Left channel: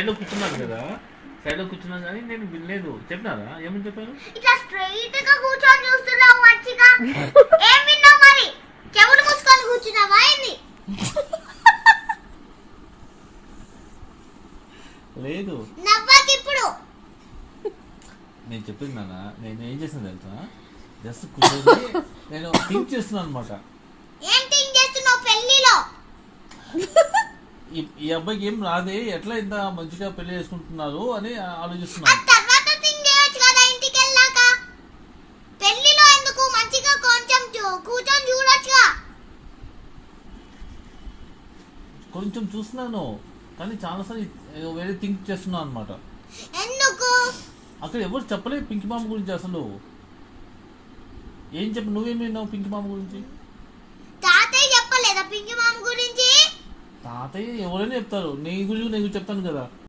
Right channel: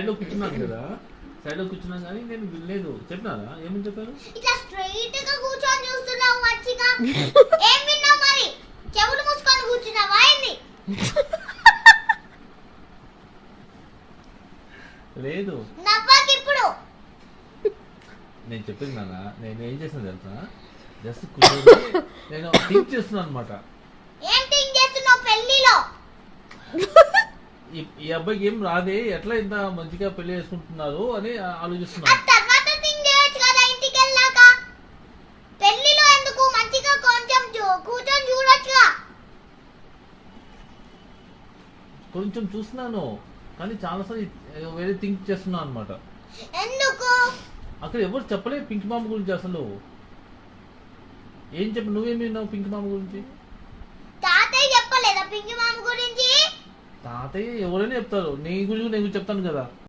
సైడ్లో కూర్చున్నాను కదా, సైడ్లో కూర్చున్నాను కానీ నేను వినలేదు. చెప్పినారా? ఏమని చెప్పారు? ఇట్లా స్ట్రైట్ గా కూర్చొని చూస్తున్నావు మంచిగా. ఏం విన్నావు మరి? చెవులు మూసుకొని కూర్చున్నావా ఏంది? లేదు, నవ్వద్దు ఇప్పుడు. నేను చెప్పింది నాన్న. నేను ఏం చేసాను తెలుసా? జస్ట్ కూర్చొని నేను థింక్ చేస్తున్నాను అనమాట. ఏం థింక్ చేస్తున్నావు పెళ్లిలో? ఈ అబ్బాయికి ఏం రాదే, ఎట్లా ఇంత మంచిగా పెళ్లి చేసుకుంటున్నారు అని ఆ ఆలోచిస్తున్నాను. తర్వాత థింక్ చేయొచ్చు కదా ఇంటికి వెళ్ళాక. పెళ్లిలో ఎందుకు మంచిగా కొంచెం కూర్చొని చూడొచ్చుగా. కొంచెం చూస్తున్నాను కానీ చాలాసార్లు వేరే థింక్ చేస్తున్నాను అనమాట. ఎందుకు? అక్కడ ఎవరు చెప్పలేదు పింక్ మామ గురించి. అసలు ఏం చెప్పు, నువ్వేమి విన్నావు పింక్ మామ గురించి? తాతయ్య చెప్పలేదా పింకి మామ గురించి? తాతయ్య ఎవరైనా చెప్తారు, నీ గురించి నేను చెప్తాను కదా.